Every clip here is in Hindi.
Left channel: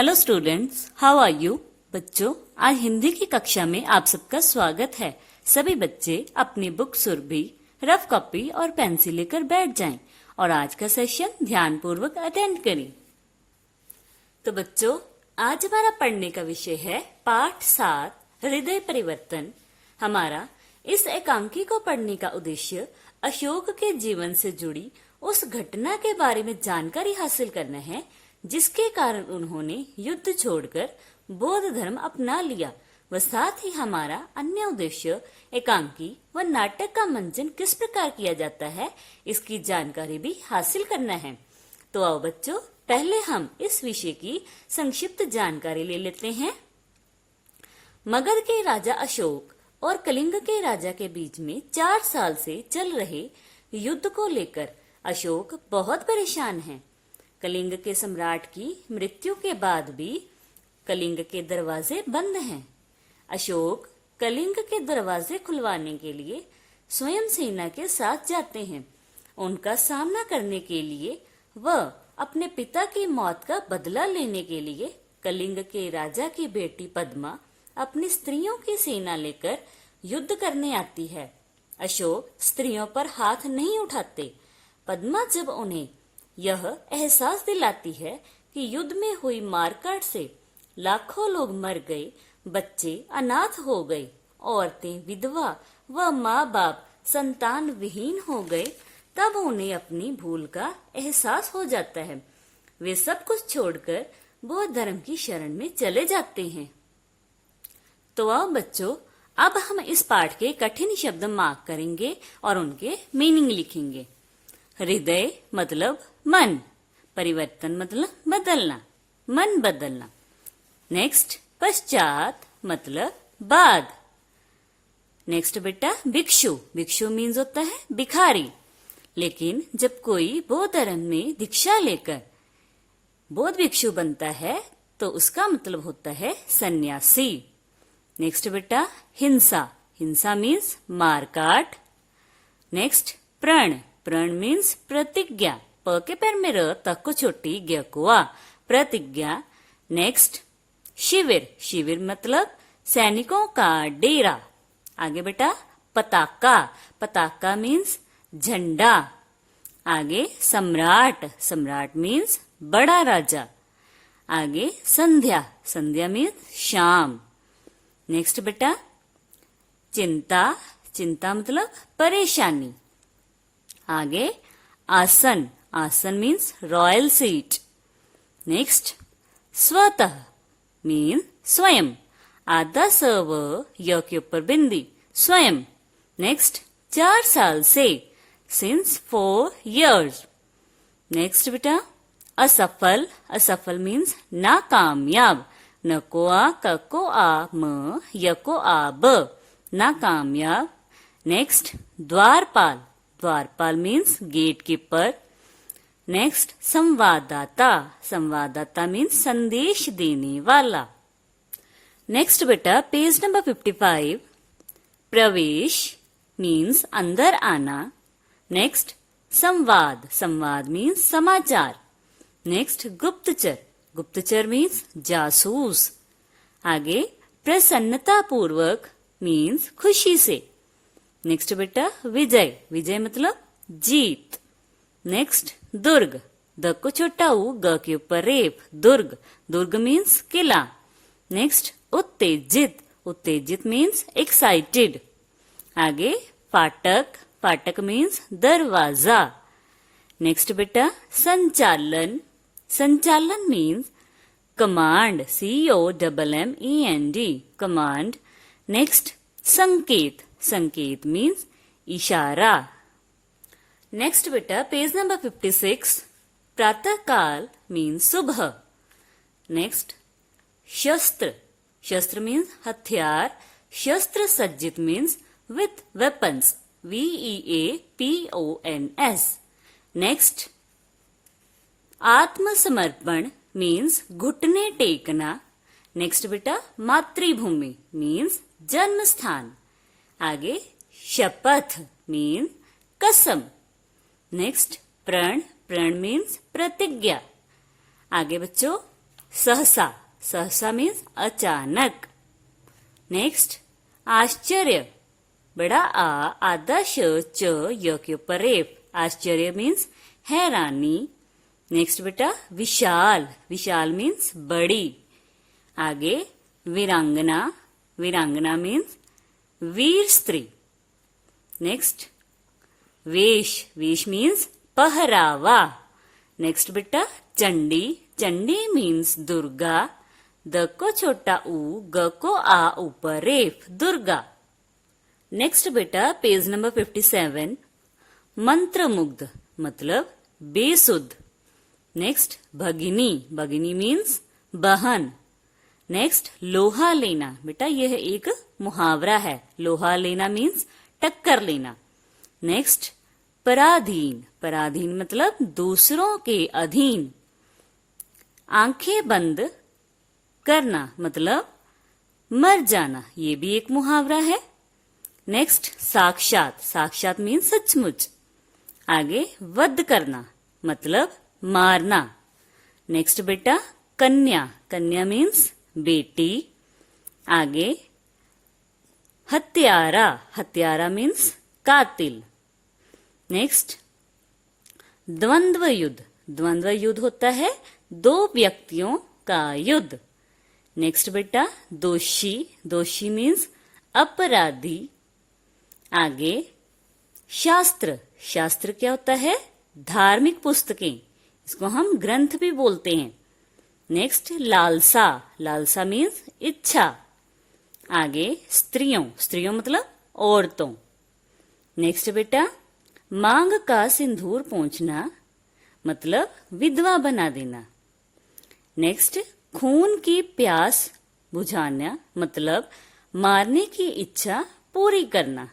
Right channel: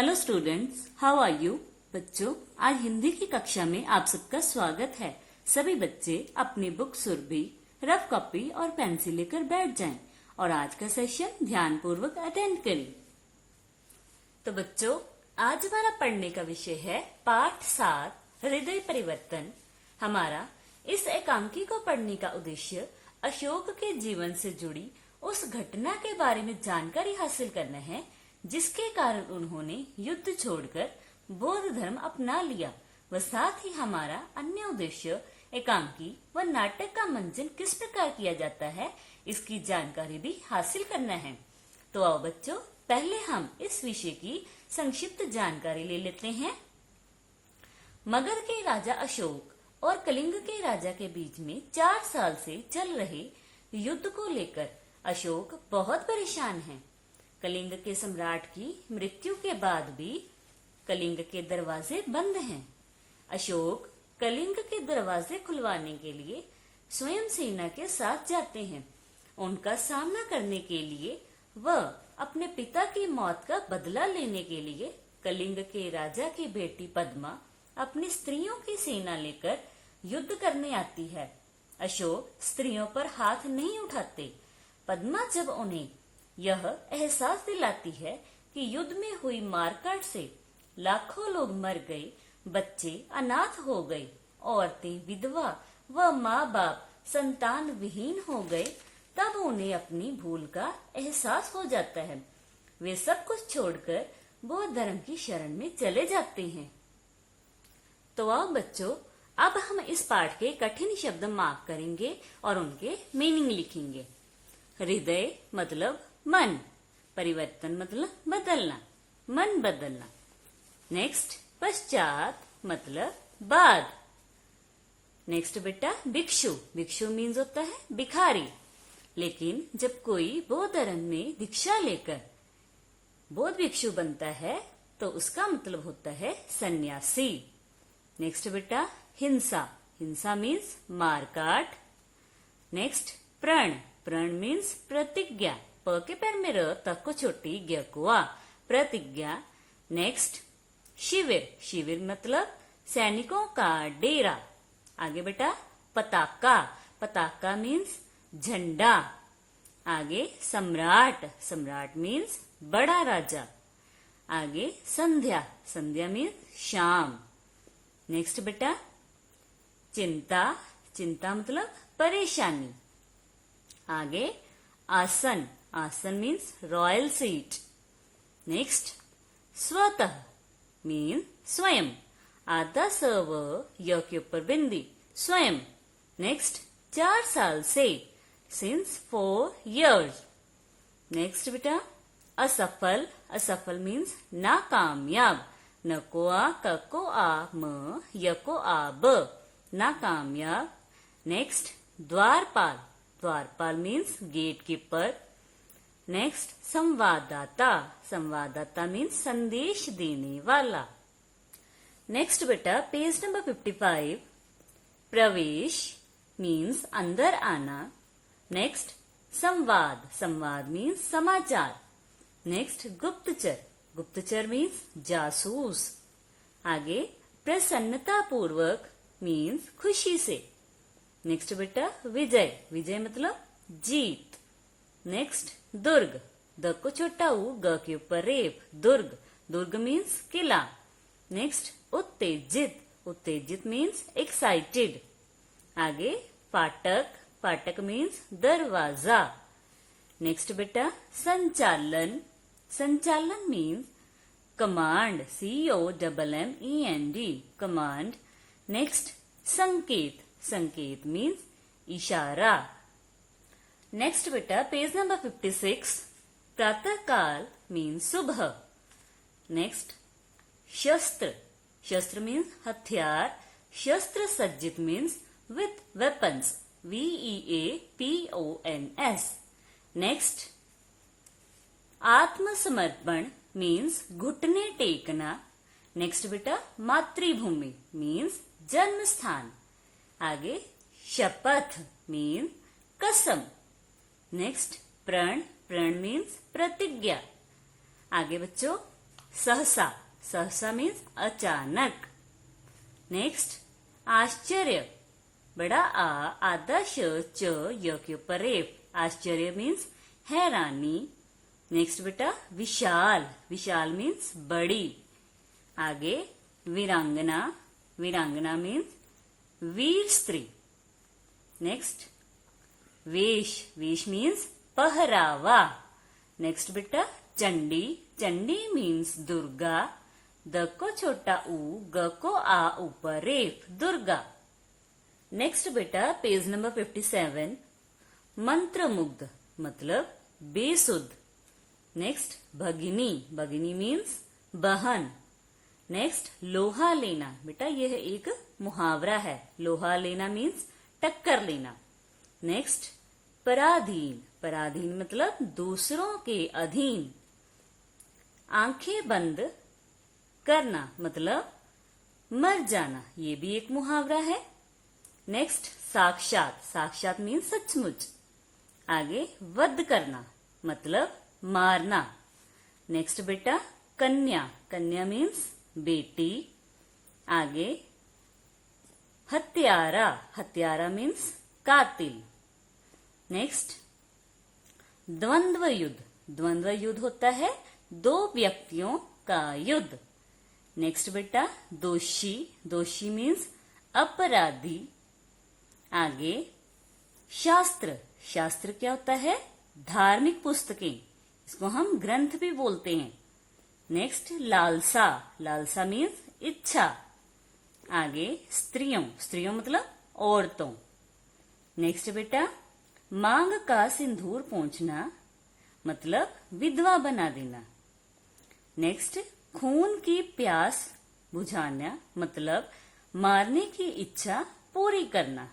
Hello students, how are you. बच्चों, आज हिंदी की कक्षा में आप सबका स्वागत है। सभी बच्चे अपनी बुक सुरभि, रफ कॉपी और पेंसिल लेकर बैठ जाएं और आज का सेशन ध्यानपूर्वक अटेंड करें। तो बच्चों, आज हमारा पढ़ने का विषय है पाठ 7 हृदय परिवर्तन। हमारा इस एकांकी को पढ़ने का उद्देश्य अशोक के जीवन से जुड़ी उस घटना के बारे में जानकारी हासिल करना है जिसके कारण उन्होंने युद्ध छोड़कर बौद्ध धर्म अपना लिया। व साथ ही हमारा अन्य उद्देश्य एकांकी व नाटक का मंचन किस प्रकार किया जाता है इसकी जानकारी भी हासिल करना है। तो आओ बच्चों, पहले हम इस विषय की संक्षिप्त जानकारी ले लेते हैं। मगध के राजा अशोक और कलिंग के राजा के बीच में 4 साल से चल रहे युद्ध को लेकर अशोक बहुत परेशान हैं। कलिंग के सम्राट की मृत्यु के बाद भी कलिंग के दरवाजे बंद हैं। अशोक कलिंग के दरवाजे खुलवाने के लिए स्वयं सेना के साथ जाते हैं। उनका सामना करने के लिए वह अपने पिता की मौत का बदला लेने के लिए कलिंग के राजा की बेटी पद्मा अपनी स्त्रियों की सेना लेकर युद्ध करने आती है। अशोक स्त्रियों पर हाथ नहीं उठाते। पद्मा जब उन्हें यह एहसास दिलाती है कि युद्ध में हुई मारकाट से लाखों लोग मर गए, बच्चे अनाथ हो गए, औरतें विधवा व माँ बाप संतान विहीन हो गए, तब उन्हें अपनी भूल का एहसास हो जाता है। वे सब कुछ छोड़कर बौद्ध धर्म की शरण में चले जाते हैं। तो आओ बच्चों, अब हम इस पाठ के कठिन शब्द मार्क करेंगे और उनके मीनिंग लिखेंगे। हृदय मतलब मन, परिवर्तन मतलब बदलना, मन बदलना। नेक्स्ट, पश्चात मतलब बाद। नेक्स्ट बेटा, भिक्षु, भिक्षु मीन्स होता है भिखारी। लेकिन जब कोई बौद्ध धर्म में दीक्षा लेकर बौद्ध भिक्षु बनता है तो उसका मतलब होता है सन्यासी। नेक्स्ट बेटा, हिंसा, हिंसा मीन्स मारकाट। नेक्स्ट, प्रण, प्रण मीन्स प्रतिज्ञा, प के पैर में र, तक को छोटी, ज्ञ को आ, प्रतिज्ञा। नेक्स्ट, शिविर, शिविर मतलब सैनिकों का डेरा। आगे बेटा, पताका, पताका मीन्स झंडा। आगे सम्राट, सम्राट मीन्स बड़ा राजा। आगे संध्या, संध्या मीन्स शाम। नेक्स्ट बेटा, चिंता, चिंता मतलब परेशानी। आगे आसन, आसन मीन्स रॉयल सीट। नेक्स्ट, स्वतः मीन स्वयं, आधा स व य के ऊपर बिंदी, स्वयं। नेक्स्ट, 4 साल से, सिंस 4 years। नेक्स्ट बेटा, असफल, असफल मीन्स नाकामयाब, न को आ, क को आ, म, य को आ, ब, नाकामयाब। नेक्स्ट, द्वारपाल, द्वारपाल मीन्स गेट कीपर। नेक्स्ट, संवाददाता, संवाददाता मीन्स संदेश देने वाला। नेक्स्ट बेटा, पेज नंबर 55, प्रवेश मीन्स अंदर आना। नेक्स्ट, संवाद, संवाद मीन्स समाचार। नेक्स्ट, गुप्तचर, गुप्तचर मीन्स जासूस। आगे, प्रसन्नता पूर्वक मीन्स खुशी से। नेक्स्ट बेटा, विजय, विजय मतलब जीत। नेक्स्ट, दुर्ग, द को छोटा ऊ, ग के ऊपर रेप, दुर्ग, दुर्ग मीन्स किला। नेक्स्ट, उत्तेजित, उत्तेजित मीन्स एक्साइटेड। आगे, फाटक, फाटक मीन्स दरवाजा। नेक्स्ट बेटा, संचालन, संचालन means command, COMMEND, command. Next, संकेत, संकेत मीन्स इशारा। नेक्स्ट बेटा, पेज नंबर 56, प्रातः काल मीन्स सुबह। नेक्स्ट, शस्त्र, शस्त्र मीन्स हथियार, शस्त्र सज्जित means with weapons, WEAPONS। Next, आत्मसमर्पण मीन्स घुटने टेकना। नेक्स्ट बेटा, मातृभूमि मीन्स जन्म स्थान। आगे, शपथ मीन्स कसम। नेक्स्ट, प्रण, प्रण मीन्स प्रतिज्ञा। आगे बच्चों, सहसा, सहसा मीन्स अचानक। नेक्स्ट आश्चर्य, बड़ा आ, आधा श, च, य के ऊपर रेफ। आश्चर्य मीन्स हैरानी। नेक्स्ट बेटा विशाल, विशाल मीन्स बड़ी। आगे वीरांगना, वीरांगना मीन्स वीर स्त्री। नेक्स्ट वेश, वेश मीन्स पहरावा। नेक्स्ट बेटा चंडी, चंडी मीन्स दुर्गा। द को छोटा ऊ, ग को आ ऊपर रेफ, दुर्गा। नेक्स्ट बेटा पेज नंबर 57, मंत्रमुग्ध मतलब बेसुध। नेक्स्ट भगिनी, भगिनी मीन्स बहन। नेक्स्ट लोहा लेना, बेटा यह एक मुहावरा है। लोहा लेना मीन्स टक्कर लेना। नेक्स्ट पराधीन, पराधीन मतलब दूसरों के अधीन। आंखें बंद करना मतलब मर जाना, ये भी एक मुहावरा है। नेक्स्ट साक्षात, साक्षात मीन्स सचमुच। आगे वध करना मतलब मारना। नेक्स्ट बेटा कन्या, कन्या मीन्स बेटी। आगे हत्यारा, हत्यारा मीन्स कातिल। नेक्स्ट द्वंद्व युद्ध, द्वंद्व युद्ध होता है दो व्यक्तियों का युद्ध। नेक्स्ट बेटा दोषी, दोषी मीन्स अपराधी। आगे शास्त्र, शास्त्र क्या होता है? धार्मिक पुस्तकें, इसको हम ग्रंथ भी बोलते हैं। नेक्स्ट लालसा, लालसा मीन्स इच्छा। आगे स्त्रियों, स्त्रियों मतलब औरतों। नेक्स्ट बेटा मांग का सिंदूर पोंछना मतलब विधवा बना देना। नेक्स्ट खून की प्यास बुझाना मतलब मारने की इच्छा पूरी करना।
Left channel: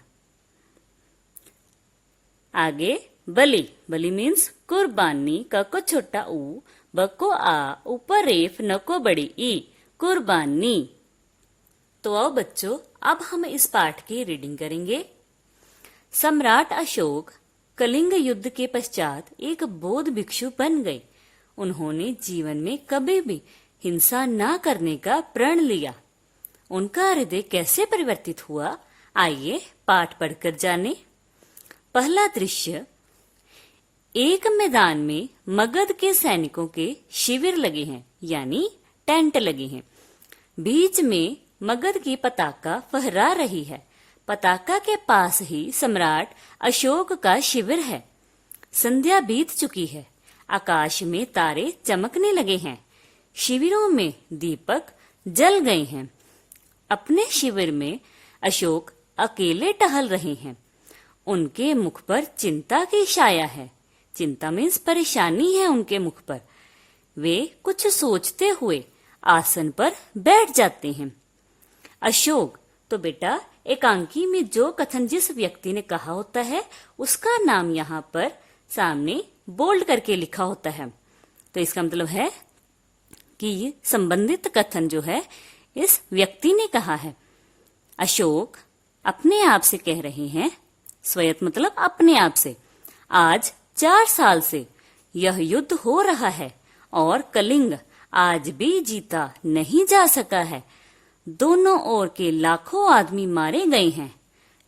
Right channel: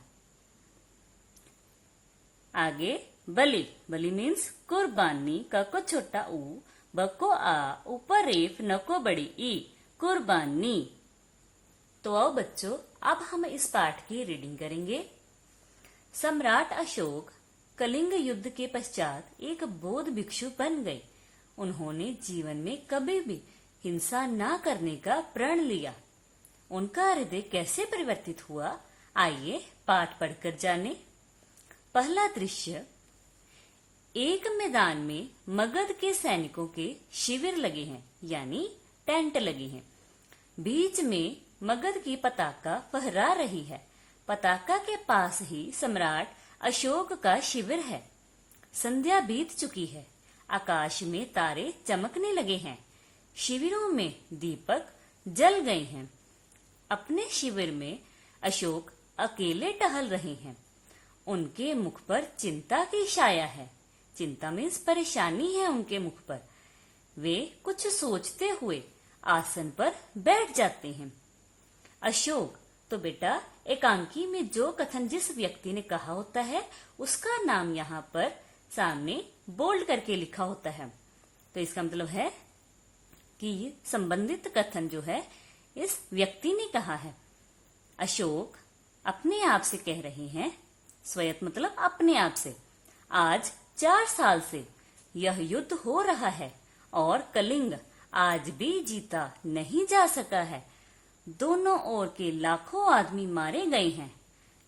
आगे बलि, बलि मीन्स कुर्बानी। क को छोटा ऊ, ब को आ ऊपर रेफ, न को बड़ी ई, कुर्बानी। तो आओ बच्चों अब हम इस पाठ की रीडिंग करेंगे। सम्राट अशोक कलिंग युद्ध के पश्चात एक बौद्ध भिक्षु बन गए। उन्होंने जीवन में कभी भी हिंसा न करने का प्रण लिया। उनका हृदय कैसे परिवर्तित हुआ, आइए पाठ पढ़कर जाने। पहला दृश्य, एक मैदान में मगध के सैनिकों के शिविर लगे हैं, यानी टेंट लगे हैं। बीच में मगध की पताका फहरा रही है। पताका के पास ही सम्राट अशोक का शिविर है। संध्या बीत चुकी है। आकाश में तारे चमकने लगे हैं। शिविरों में दीपक जल गए हैं। अपने शिविर में अशोक अकेले टहल रहे हैं। उनके मुख पर चिंता की छाया है। चिंता मीन्स परेशानी है उनके मुख पर। वे कुछ सोचते हुए आसन पर बैठ जाते हैं। अशोक, तो बेटा एकांकी में जो कथन जिस व्यक्ति ने कहा होता है उसका नाम यहाँ पर सामने बोल्ड करके लिखा होता है। तो इसका मतलब है कि संबंधित कथन जो है इस व्यक्ति ने कहा है। अशोक अपने आप से कह रहे हैं, स्वयं मतलब अपने आप से, आज 4 साल से यह युद्ध हो रहा है और कलिंग आज भी जीता नहीं जा सका है। दोनों ओर के लाखों आदमी मारे गए हैं,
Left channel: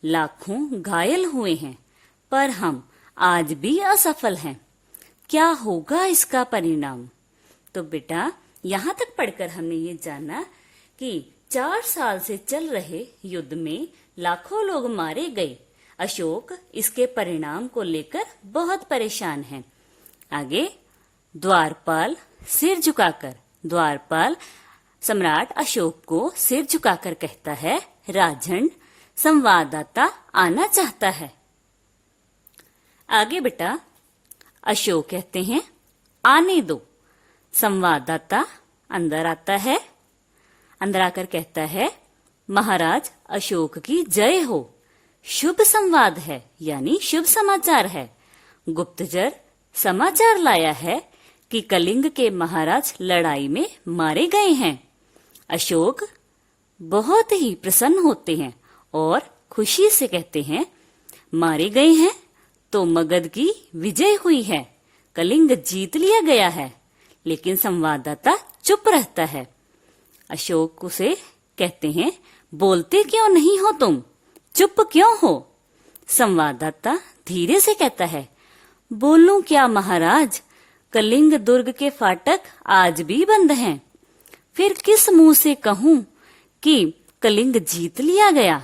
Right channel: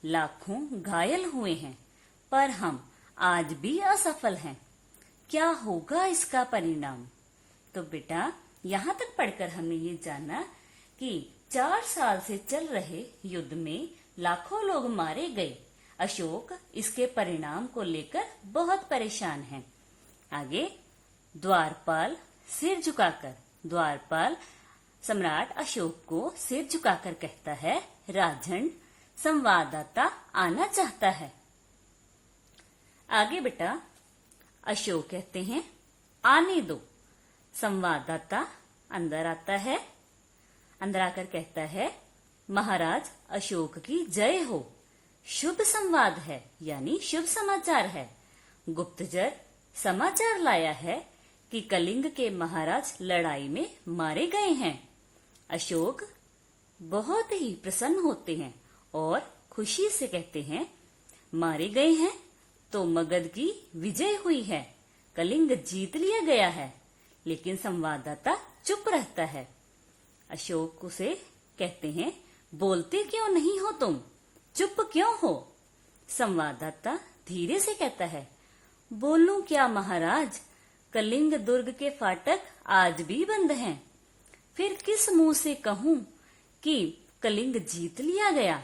लाखों घायल हुए हैं, पर हम आज भी असफल हैं। क्या होगा इसका परिणाम? तो बेटा यहाँ तक पढ़कर हमने ये जाना कि 4 साल से चल रहे युद्ध में लाखों लोग मारे गए। अशोक इसके परिणाम को लेकर बहुत परेशान हैं। आगे द्वारपाल सिर झुकाकर, द्वारपाल सम्राट अशोक को सिर झुकाकर कहता है, राजन संवाददाता आना चाहता है। आगे बेटा अशोक कहते हैं, आने दो। संवाददाता अंदर आता है। अंदर आकर कहता है, महाराज अशोक की जय हो। शुभ संवाद है, यानी शुभ समाचार है। गुप्तचर समाचार लाया है कि कलिंग के महाराज लड़ाई में मारे गए हैं। अशोक बहुत ही प्रसन्न होते हैं और खुशी से कहते हैं, मारे गए हैं तो मगध की विजय हुई है, कलिंग जीत लिया गया है। लेकिन संवाददाता चुप रहता है। अशोक उसे कहते हैं, बोलते क्यों नहीं हो तुम, चुप क्यों हो? संवाददाता धीरे से कहता है, बोलूं क्या महाराज, कलिंग दुर्ग के फाटक आज भी बंद हैं। फिर किस मुंह से कहूं कि कलिंग जीत लिया गया?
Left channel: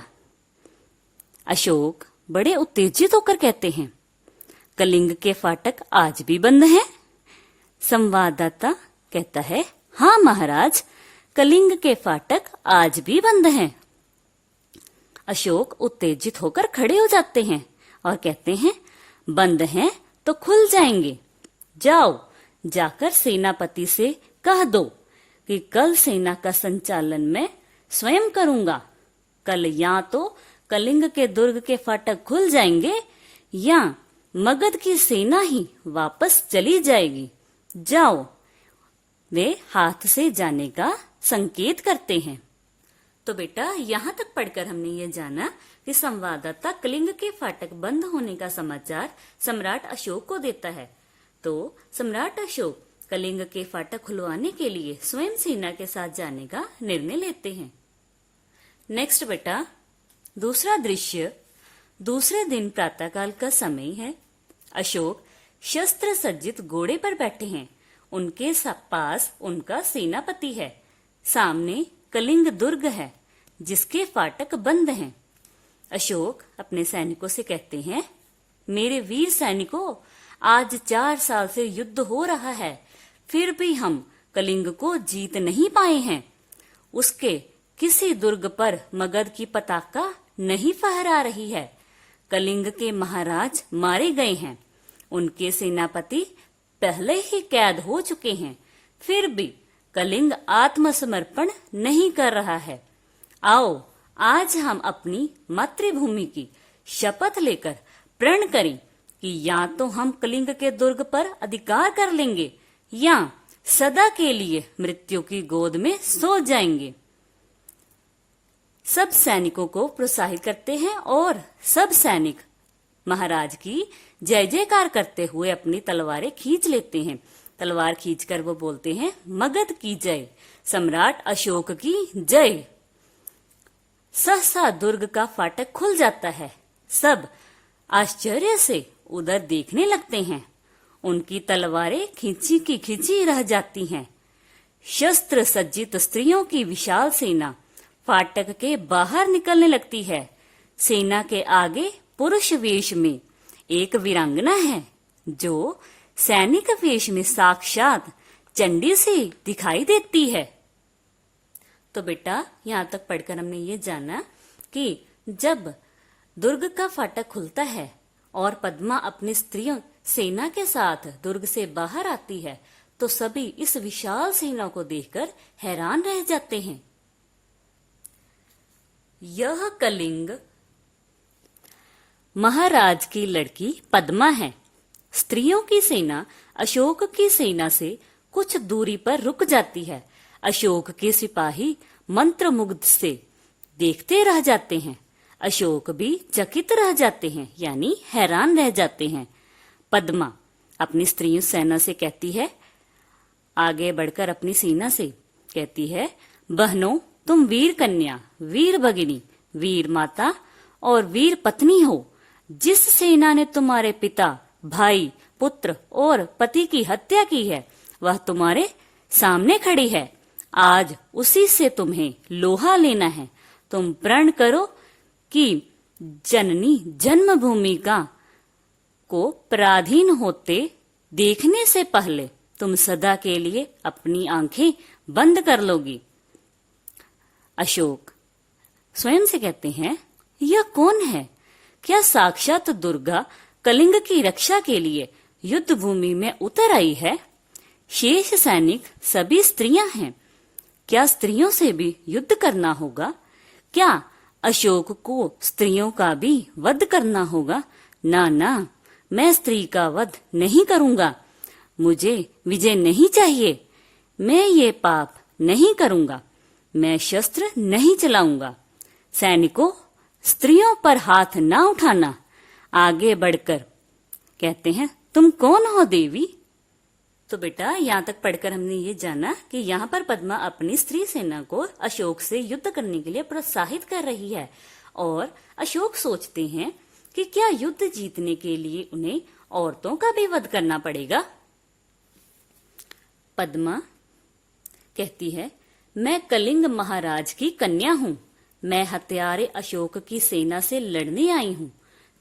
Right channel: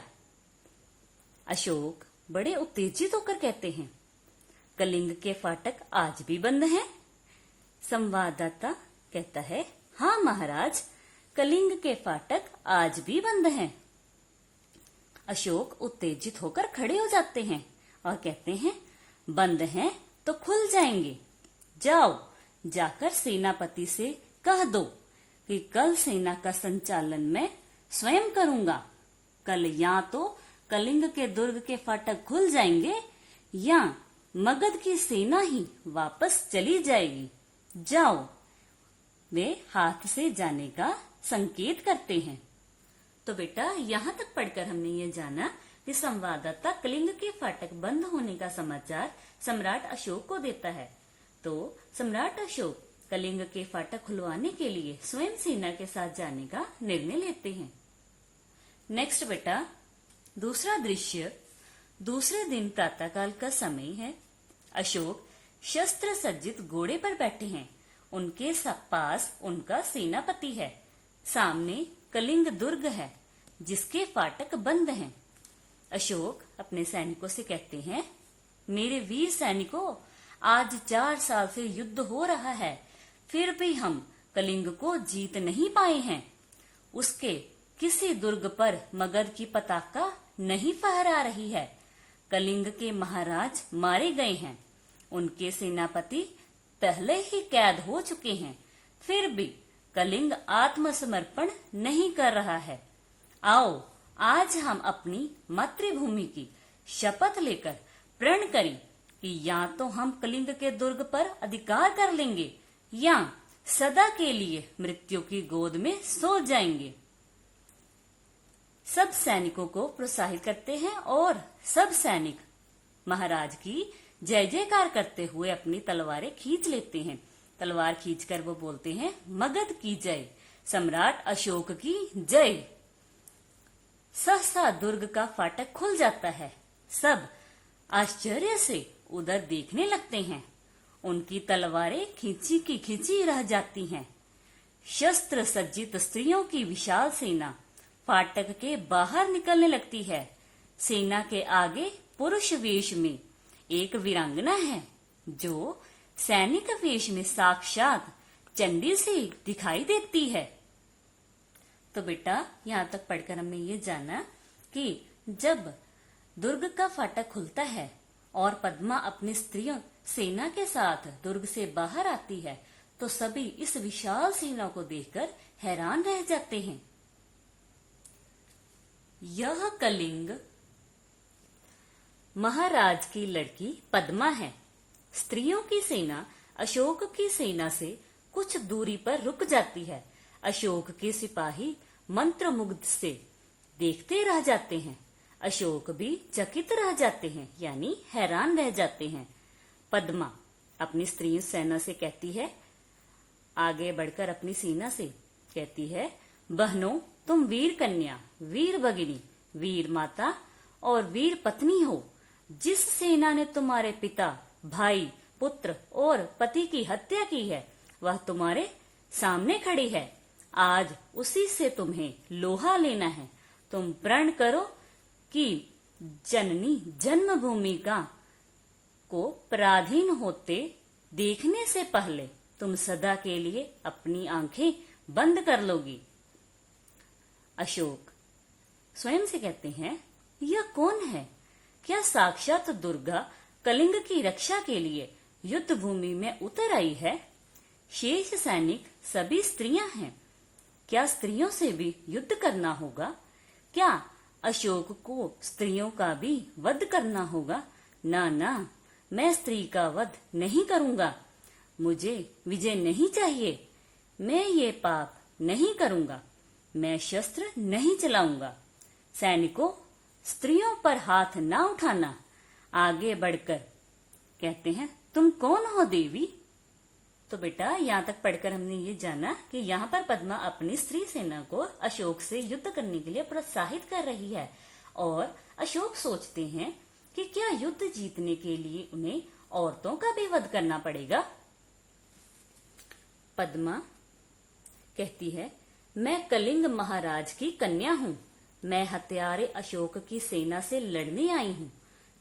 अशोक बड़े उत्तेजित होकर कहते हैं, कलिंग के फाटक आज भी बंद हैं? संवाददाता कहता है, हाँ महाराज, कलिंग के फाटक आज भी बंद हैं। अशोक उत्तेजित होकर खड़े हो जाते हैं और कहते हैं, बंद हैं तो खुल जाएंगे। जाओ, जाकर सेनापति से कह दो कि कल सेना का संचालन मैं स्वयं करूंगा। कल या तो कलिंग के दुर्ग के फाटक खुल जाएंगे या मगध की सेना ही वापस चली जाएगी। जाओ। वे हाथ से जाने का संकेत करते हैं। तो बेटा, यहाँ तक पढ़कर हमने ये जाना कि संवाददाता कलिंग के फाटक बंद होने का समाचार सम्राट अशोक को देता है। तो सम्राट अशोक कलिंग के फाटक खुलवाने के लिए स्वयं सेना के साथ जाने का निर्णय लेते हैं। नेक्स्ट बेटा, दूसरा दृश्य, दूसरे दिन प्रातःकाल का समय है। अशोक शस्त्र सज्जित घोड़े पर बैठे हैं। उनके पास उनका सेनापति है। सामने कलिंग दुर्ग है जिसके फाटक बंद हैं। अशोक अपने सैनिकों से कहते हैं, मेरे वीर सैनिकों, आज 4 साल से युद्ध हो रहा है, फिर भी हम कलिंग को जीत नहीं पाए हैं। उसके किसी दुर्ग पर मगध की पताका नहीं फहरा रही है। कलिंग के महाराज मारे गए हैं। उनके सेनापति पहले ही कैद हो चुके हैं, फिर भी कलिंग आत्मसमर्पण नहीं कर रहा है। आओ, आज हम अपनी मातृभूमि की शपथ लेकर प्रण करें कि या तो हम कलिंग के दुर्ग पर अधिकार कर लेंगे या सदा के लिए मृत्यु की गोद में सो जाएंगे। सब सैनिकों को प्रोत्साहित करते हैं और सब सैनिक महाराज की जय जयकार करते हुए अपनी तलवारें खींच लेते हैं। तलवार खींचकर वो बोलते हैं, मगध की जय, सम्राट अशोक की जय। सहसा दुर्ग का फाटक खुल जाता है। सब आश्चर्य से उधर देखने लगते हैं। उनकी तलवारें खींची की खींची रह जाती हैं। शस्त्र सज्जित स्त्रियों की विशाल सेना फाटक के बाहर निकलने लगती है। सेना के आगे पुरुष वेश में एक वीरांगना है जो सैनिक वेश में साक्षात चंडी से दिखाई देती है। तो बेटा, यहाँ तक पढ़कर हमने ये जाना कि जब दुर्ग का फाटक खुलता है और पद्मा अपनी स्त्रियों सेना के साथ दुर्ग से बाहर आती है तो सभी इस विशाल सेना को देखकर हैरान रह जाते हैं। यह कलिंग महाराज की लड़की पद्मा है। स्त्रियों की सेना अशोक की सेना से कुछ दूरी पर रुक जाती है। अशोक के सिपाही मंत्रमुग्ध से देखते रह जाते हैं। अशोक भी चकित रह जाते हैं, यानी हैरान रह जाते हैं। पद्मा अपनी स्त्रियों सेना से कहती है, आगे बढ़कर अपनी सेना से कहती है, बहनों, तुम वीर कन्या, वीर भगिनी, वीर माता और वीर पत्नी हो। जिस सेना ने तुम्हारे पिता, भाई, पुत्र और पति की हत्या की है वह तुम्हारे सामने खड़ी है। आज उसी से तुम्हें लोहा लेना है। तुम प्रण करो कि जननी जन्मभूमि का को पराधीन होते देखने से पहले तुम सदा के लिए अपनी आंखें बंद कर लोगी। अशोक स्वयं से कहते हैं, यह कौन है? क्या साक्षात दुर्गा कलिंग की रक्षा के लिए युद्ध भूमि में उतर आई है? शेष सैनिक सभी स्त्रियां हैं। क्या स्त्रियों से भी युद्ध करना होगा? क्या अशोक को स्त्रियों का भी वध करना होगा? ना ना, मैं स्त्री का वध नहीं करूंगा। मुझे विजय नहीं चाहिए। मैं ये पाप नहीं करूंगा। मैं शस्त्र नहीं चलाऊंगा। सैनिकों, स्त्रियों पर हाथ ना उठाना। आगे बढ़कर कहते हैं, तुम कौन हो देवी? तो बेटा यहाँ तक पढ़कर हमने ये जाना कि यहाँ पर पद्मा अपनी स्त्री सेना को अशोक से युद्ध करने के लिए प्रोत्साहित कर रही है और अशोक सोचते हैं कि क्या युद्ध जीतने के लिए उन्हें औरतों का भी वध करना पड़ेगा। पद्मा कहती है, मैं कलिंग महाराज की कन्या हूँ। मैं हत्यारे अशोक की सेना से लड़ने आई हूँ।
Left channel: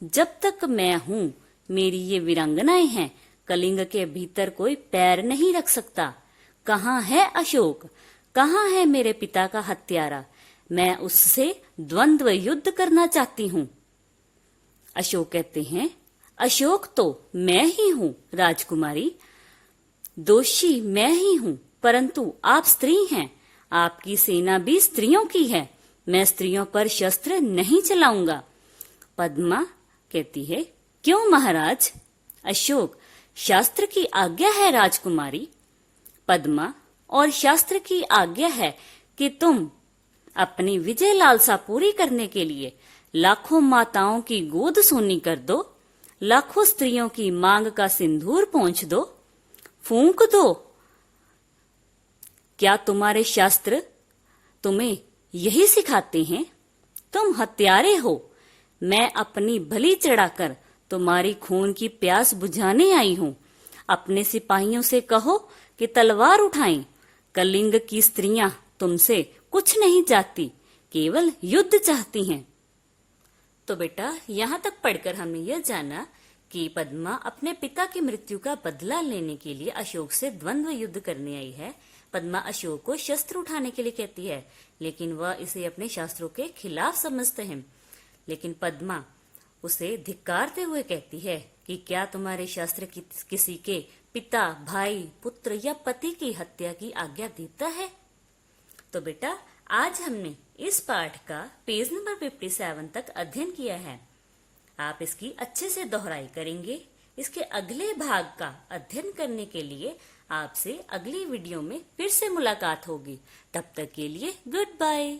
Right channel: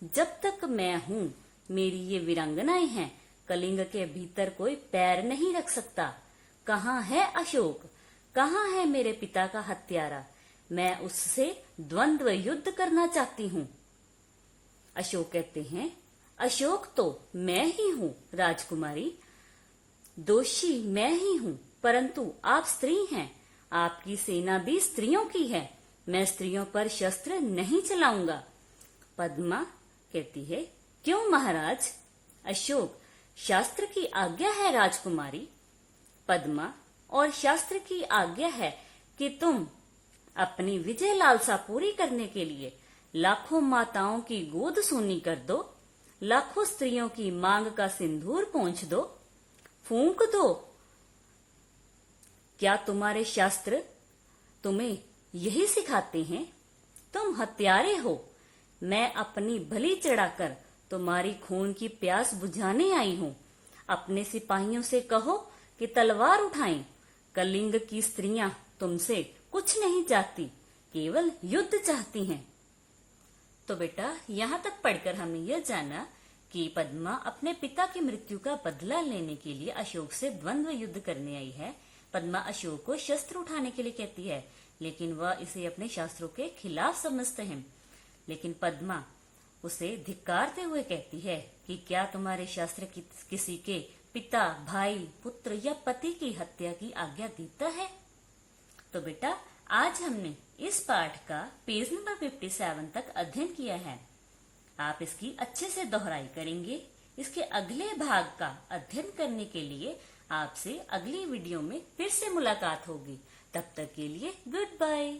जब तक मैं हूँ, मेरी ये वीरांगनाएं हैं, कलिंग के भीतर कोई पैर नहीं रख सकता। कहाँ है अशोक? कहाँ है मेरे पिता का हत्यारा? मैं उससे द्वंद्व युद्ध करना चाहती हूँ। अशोक कहते हैं, अशोक तो मैं ही हूँ राजकुमारी, दोषी मैं ही हूँ, परंतु आप स्त्री हैं। आपकी सेना भी स्त्रियों की है। मैं स्त्रियों पर शस्त्र नहीं चलाऊंगा। पद्मा कहती है, क्यों महाराज? अशोक, शास्त्र की आज्ञा है राजकुमारी। पद्मा, और शास्त्र की आज्ञा है कि तुम अपनी विजय लालसा पूरी करने के लिए लाखों माताओं की गोद सोनी कर दो, लाखों स्त्रियों की मांग का सिंदूर पोंछ दो, फूंक दो। क्या तुम्हारे शास्त्र तुम्हें यही सिखाते हैं? तुम हत्यारे हो। मैं अपनी बलि चढ़ाकर तुम्हारी खून की प्यास बुझाने आई हूँ। अपने सिपाहियों से कहो कि तलवार उठाएं। कलिंग की स्त्रियां तुमसे कुछ नहीं चाहती, केवल युद्ध चाहती हैं। तो बेटा यहाँ तक पढ़कर हमने यह जाना कि पद्मा अपने पिता की मृत्यु का बदला लेने के लिए अशोक से द्वंद्व युद्ध करने आई है। पद्मा अशोक को शस्त्र उठाने के लिए कहती है, लेकिन वह इसे अपने शास्त्रों के खिलाफ समझते हैं। लेकिन पद्मा उसे धिक्कारते हुए कहती है कि क्या तुम्हारे शास्त्र किसी के पिता, भाई, पुत्र या पति की हत्या की आज्ञा देता है? तो बेटा आज हमने इस पाठ का पेज नंबर 57 तक अध्ययन किया है। आप इसकी अच्छे से दोहराई करेंगे। इसके अगले भाग का अध्ययन करने के लिए आपसे अगली वीडियो में फिर से मुलाकात होगी। तब तक के लिए गुड बाय।